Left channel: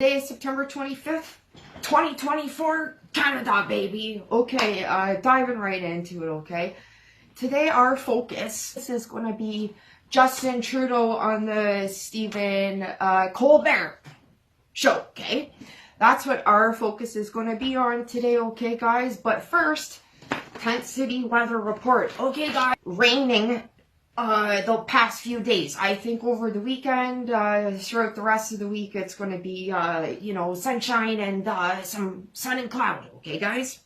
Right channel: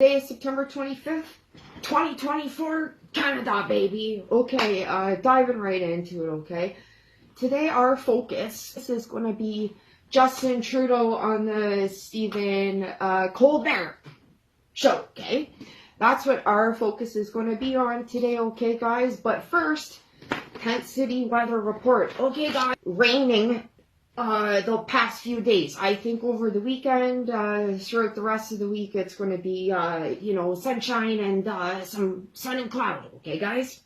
Today is September 25th, 2024, Canada, baby. Okay, diving right into it, okay? Today our focus is going to be Justin Trudeau on the Stephen Colbert show, okay? That's what our focus is going to be on today, okay, guys? But first, Tent City weather report. Okay, guys, raining the past few days. I think over the weekend, throughout the rest of the week, it's going to be, sunshine and some sun and cloud. Okay, guys?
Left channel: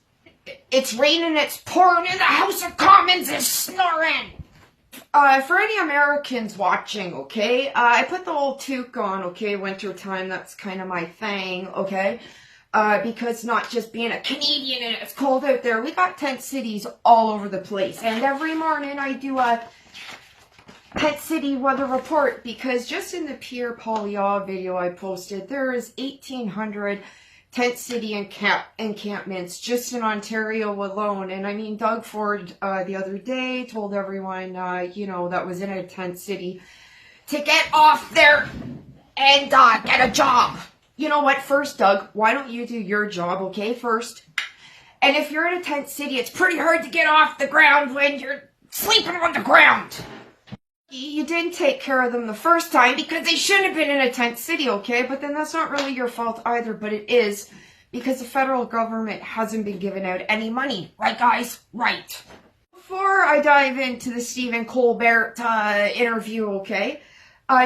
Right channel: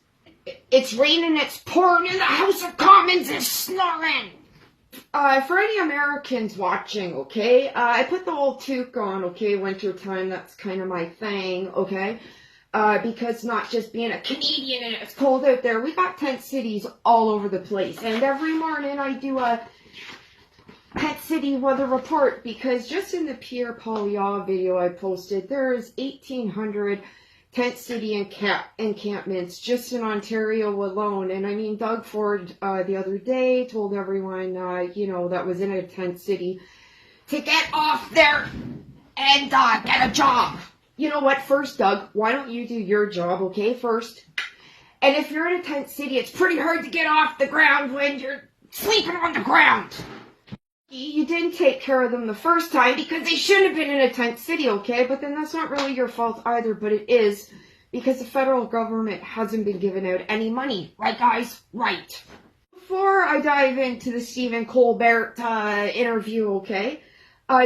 It's raining, it's pouring, and the House of Commons is snoring. For any Americans watching, okay, I put the old toque on, okay, winter time, that's kind of my thing, okay? Because not just being a Canadian and it's cold out there, we got tent cities all over the place. And every morning I do a Tent City weather report, because just in the Pierre Poilievre video I posted, there's 1,800 tent city encampments just in Ontario alone. And I mean, Doug Ford the other day told everyone, that was in a tent city to get off there and get a job. You know what? First, Doug, why don't you do your job, okay, first? And if you're in a tent city, it's pretty hard to get off the ground when you're sleeping on the ground. You didn't take care of them the first time because they shouldn't have been in a tent city, okay? But then that's not really your fault either, but it is because the federal government hasn't been giving out any money. Right, guys? Right. Before I dive into the Stephen Colbert interview, okay?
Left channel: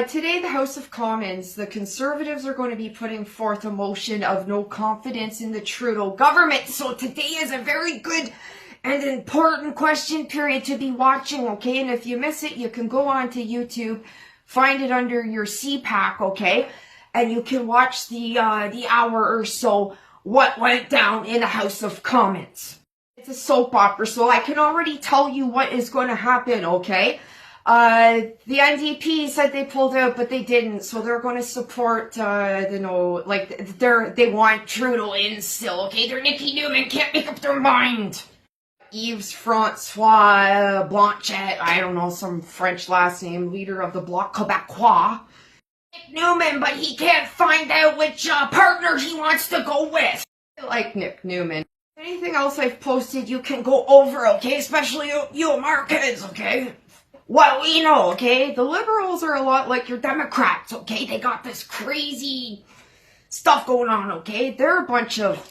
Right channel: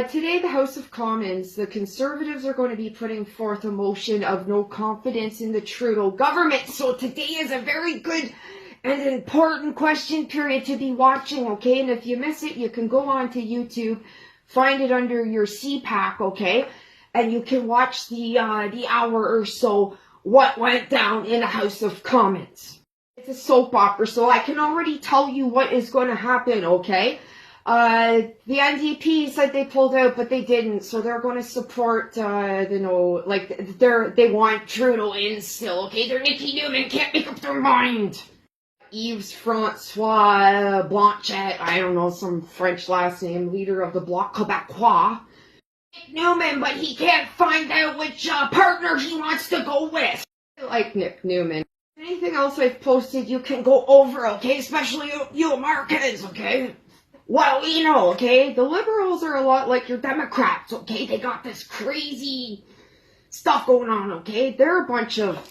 Today, the House of Commons, the Conservatives are going to be putting forth a motion of no confidence in the Trudeau government. So today is a very good and important question period to be watching, okay? And if you miss it, you can go on to YouTube, find it under your CPAC, okay? And you can watch the hour or so what went down in the House of Commons. It's a soap opera, so I can already tell you what is going to happen, okay? The NDP said they pulled out, but they didn't, so they're going to support, they want Trudeau in still, okay? They're Nikki Newman, can't make up their mind. Yves Francois Blanchet, I don't know, some French last name, leader of the Bloc Québécois. Nick Newman, but he can't find out which partner he wants to go with. I like Nick Newman. Anything else I've posted, you can go over, okay? Especially you Americans, okay? Well, we know, okay? The Liberals are a lot like your Democrats, okay? They got this crazy stuff going on, okay? They're a bunch of...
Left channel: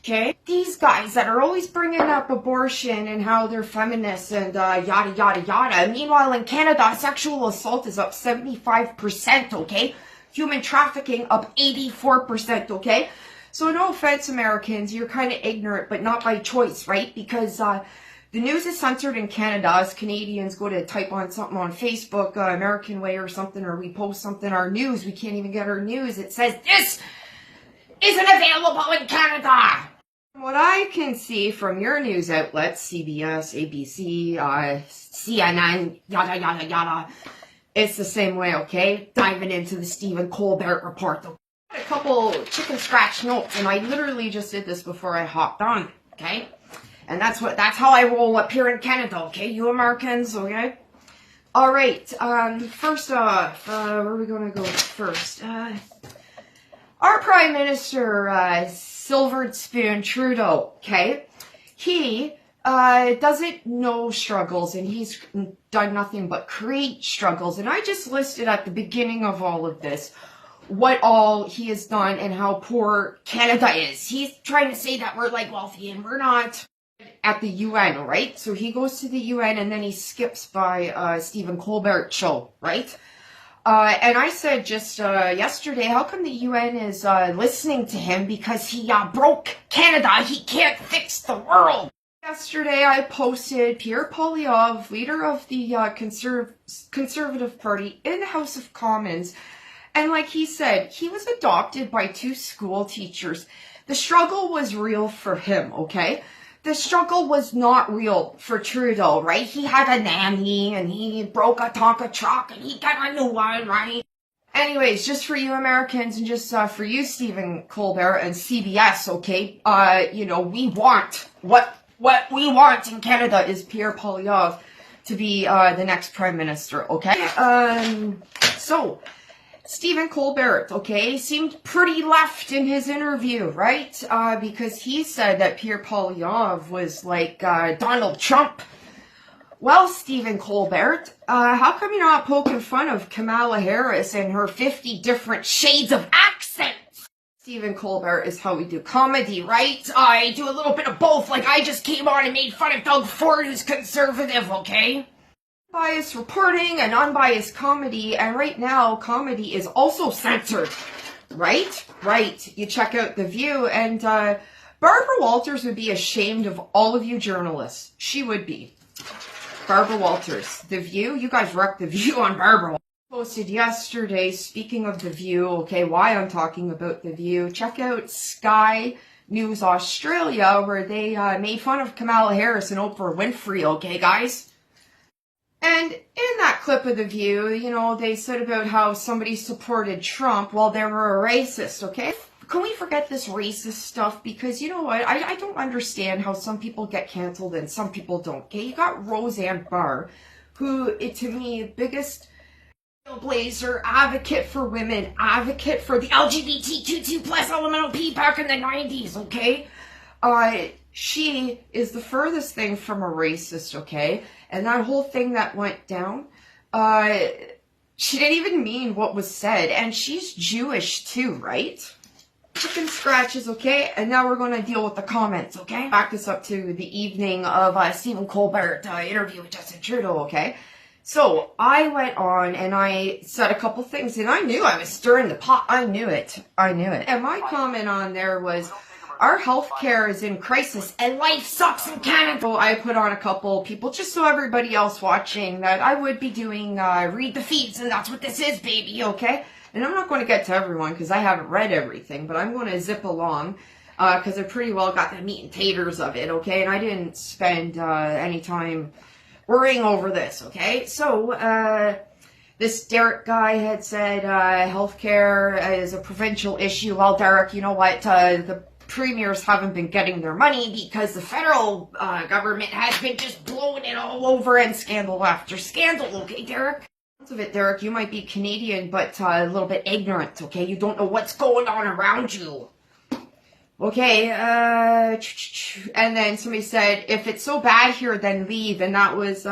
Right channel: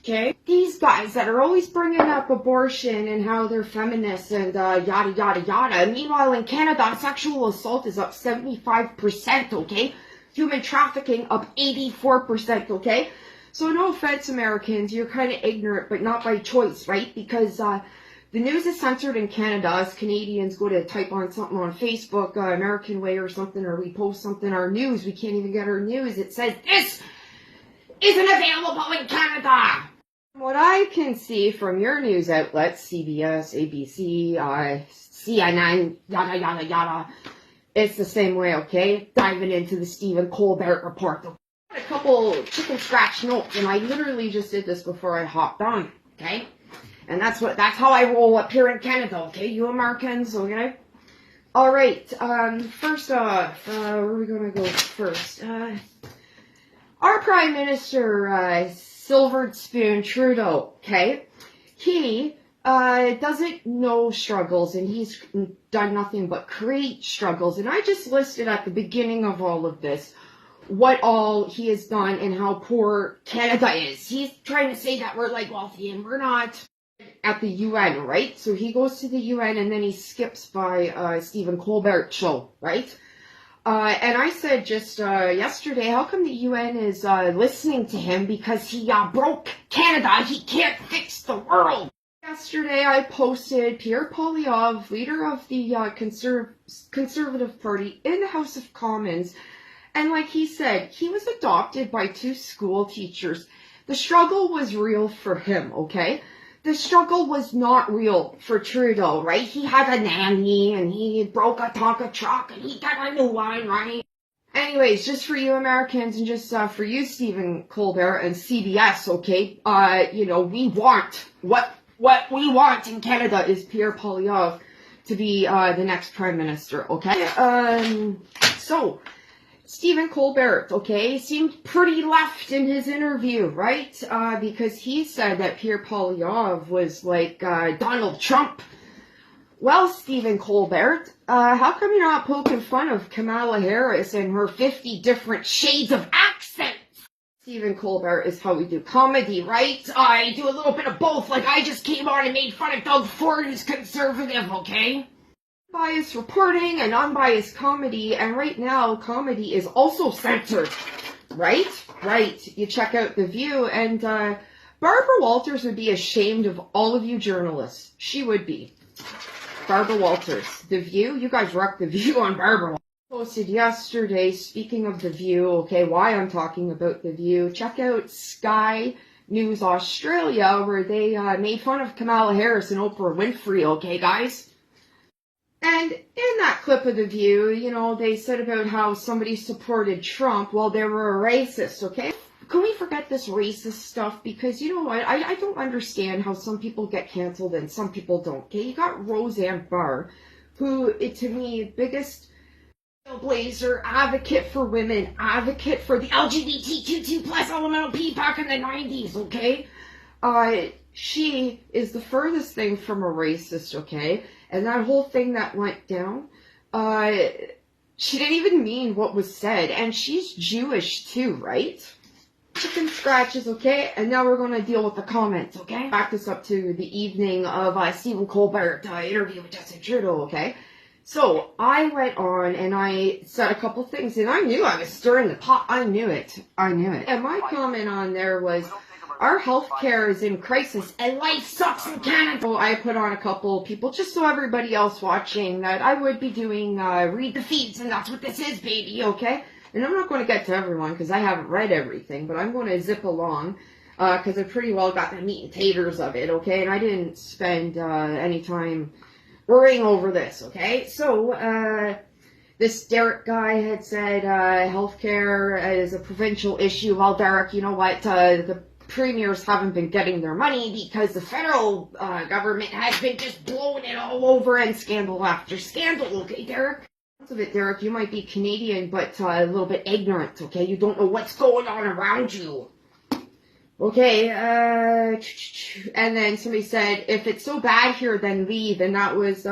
Okay, these guys that are always bringing up abortion and how they're feminists and yada, yada, yada. Meanwhile, in Canada, sexual assault is up 75%, okay? Human trafficking up 84%, okay? So no offense, Americans, you're kind of ignorant, but not by choice, right? Because the news is censored in Canada. As Canadians go to type on something on Facebook, American Way or something, or we post something, our news, we can't even get our news. It says, this isn't available in Canada. What I can see from your news outlets, CBS, ABC, CNN, yada, yada, yada, it's the same way, okay? Diving into the Stephen Colbert report. A couple chicken scratch notes, and I literally just did this before I hopped on, okay? And that's how I roll up here in Canada, okay? You Americans, okay? All right, first off, where are we going to go first? Our Prime Minister, Silver Spoon Trudeau, okay? He doesn't know struggles, and he's done nothing but create struggles. And I just listed at the beginning of all of this what all he has done and how poor Canada is. He's trying to say that we're like wealthy, and we're not. At the UN, right? So he goes to the UN, and then he skips by Stephen Colbert show, right? And I said just yesterday, how come the UN is listening to him? Because he broke Canada. He can't fix the world. Yesterday, I posted Pierre Poilievre, leader of the Conservative Party in the House of Commons. And like he said, he was adopted by 2 school teachers. The struggle was real for him, okay? The struggle was not real for Trudeau, right? He had a nanny, and he broke a Tonka truck, and he got a new one, right? Anyways, just for you Americans, and just for you, Stephen Colbert and CBS, okay? We want, what we want in Canada is Pierre Poilievre to be the next Prime Minister, okay? So, Stephen Colbert, okay, seemed pretty left in his interview, right? Because he said that Pierre Poilievre was like Donald Trump. Well, Stephen Colbert, how come you're not poking fun of Kamala Harris and her 50 different shades of accents? Stephen Colbert is how we do comedy, right? I do a little bit of both, like I just came on and made fun of Doug Ford, who's conservative, okay? Biased reporting and unbiased comedy, and right now comedy is also censored, right? Right. You check out The View, and Barbara Walters would be ashamed of all of you journalists. She would be. Barbara Walters, The View. You guys wrecked The View on Barbara. Posted yesterday, speaking of The View, okay, why I'm talking about The View. Check out Sky News Australia, where they made fun of Kamala Harris and Oprah Winfrey, okay, guys? And in that clip of The View, you know, they said about how somebody supported Trump while they were a racist, okay? Can we forget this racist stuff? Because, you know what, I don't understand how some people get canceled and some people don't, okay? You got Roseanne Barr, who, to me, biggest blazer, advocate for women, advocate for the LGBTQ2 plus elemental P back in the 90s, okay? She is the furthest thing from a racist, okay? And that whole thing that went down, she didn't even mean what was said. And she's Jewish too, right? Chicken scratches, okay? And now we're going to deal with the comments, okay? Back this up to the evening of Stephen Colbert interview with Justin Trudeau, okay? So I went on and I said a couple things, and I knew I was stirring the pot. I knew it. And my comment on there was, our healthcare is in crisis and life sucks in Canada. So I put on a couple people just so everybody else watching that I would be doing read the feeds, and that's what this is, baby, okay? And I'm not going to get to everyone because I haven't read everything, but I'm going to zip along because I pretty well got the meat and taters of it, okay? And I didn't spend any time worrying over this, okay? So this Derek guy had said healthcare is a provincial issue. Well, Derek, you know what? The premiers haven't been getting their money because the federal government has been just blowing it all over, and scandal after scandal, okay, Derek? Of it, Derek, you might be Canadian, but a little bit ignorant, okay? You don't know what's going on around you. Okay, and then somebody said, if it's so bad here, then leave, and that was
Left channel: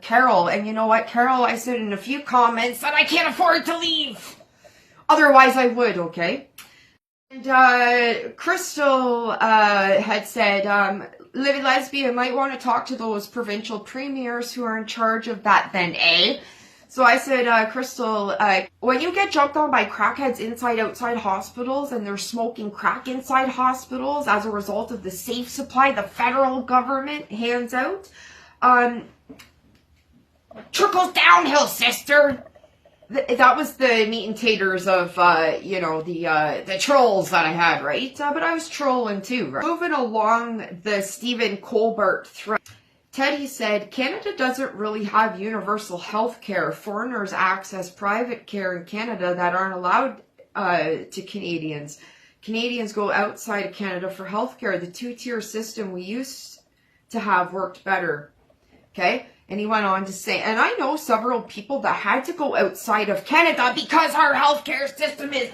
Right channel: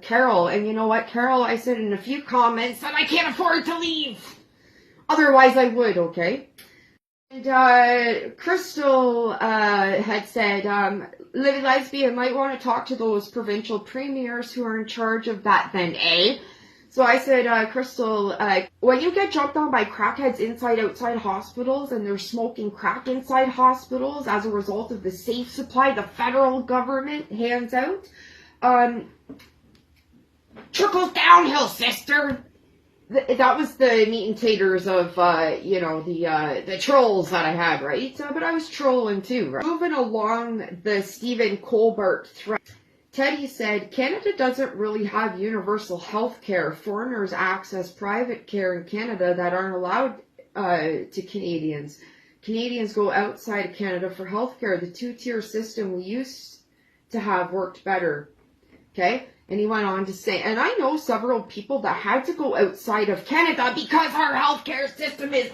Carol. And you know what, Carol, I said in a few comments that I can't afford to leave. Otherwise, I would, okay? And Crystal had said, Livy Lesbian might want to talk to those provincial premiers who are in charge of that then, eh? So I said, Crystal, when you get jumped on by crackheads outside hospitals and they're smoking crack inside hospitals as a result of the safe supply the federal government hands out, trickles downhill, sister. That was the meat and taters of, you know, the trolls that I had, right? But I was trolling too, right? Moving along the Stephen Colbert thread. Teddy said, Canada doesn't really have universal health care. Foreigners access private care in Canada that aren't allowed to Canadians. Canadians go outside of Canada for health care. The two-tier system we used to have worked better. Okay? And he went on to say, and I know several people that had to go outside of Canada because our healthcare system is...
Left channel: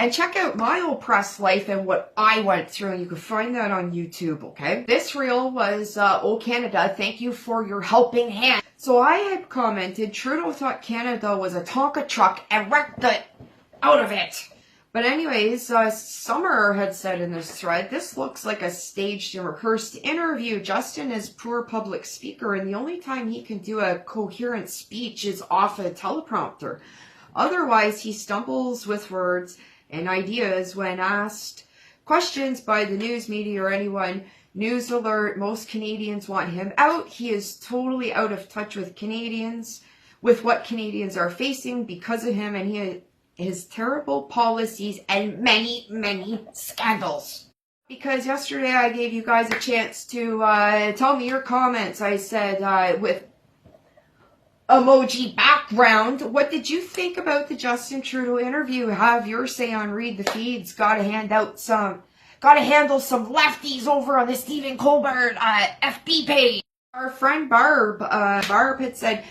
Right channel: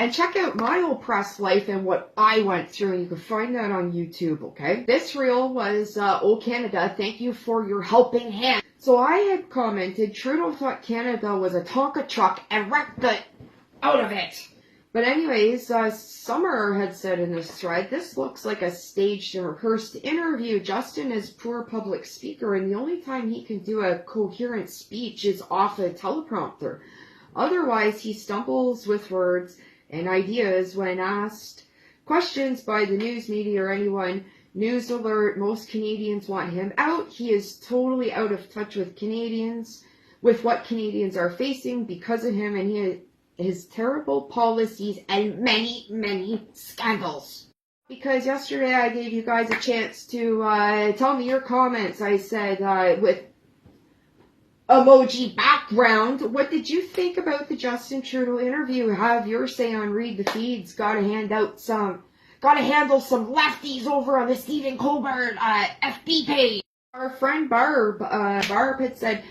And check out my oppressed life and what I went through, and you can find that on YouTube, okay? This reel was, Oh Canada, thank you for your helping hand. So I had commented, Trudeau thought Canada was a Tonka truck and wrecked the out of it. But anyways, Summer had said in this thread, this looks like a staged and rehearsed interview. Justin is poor public speaker, and the only time he can do a coherent speech is off a teleprompter. Otherwise, he stumbles with words and ideas when asked questions by the news media or anyone. News alert, most Canadians want him out. He is totally out of touch with Canadians, with what Canadians are facing because of him and his terrible policies and many, many scandals. Because yesterday I gave you guys a chance to tell me your comments. I said with emoji background, what did you think about the Justin Trudeau interview? Have your say on read the feeds. Gotta handle some lefties over on the Stephen Colbert FB page. Our friend Barb had said,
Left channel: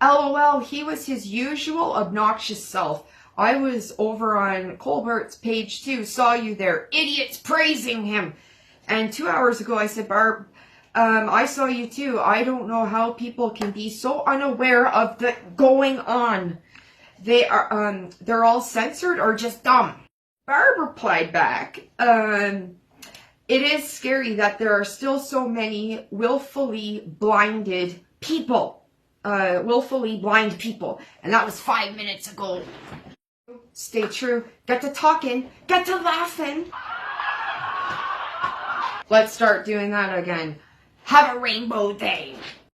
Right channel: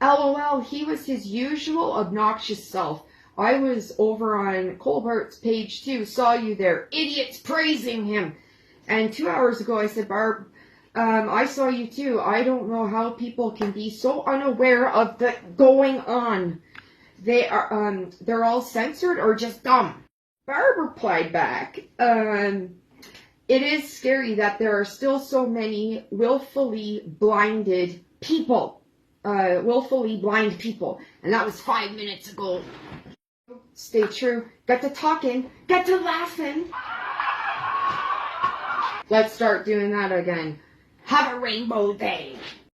LOL, he was his usual obnoxious self. I was over on Colbert's page too, saw you there. Idiots praising him. And 2 hours ago I said, Barb, I saw you too. I don't know how people can be so unaware of the going on. They're all censored or just dumb. Barb replied back, it is scary that there are still so many willfully blinded people. Willfully blind people. And that was 5 minutes ago. Stay true. Get to talking. Get to laughing. Let's start doing that again. Have a rainbow day.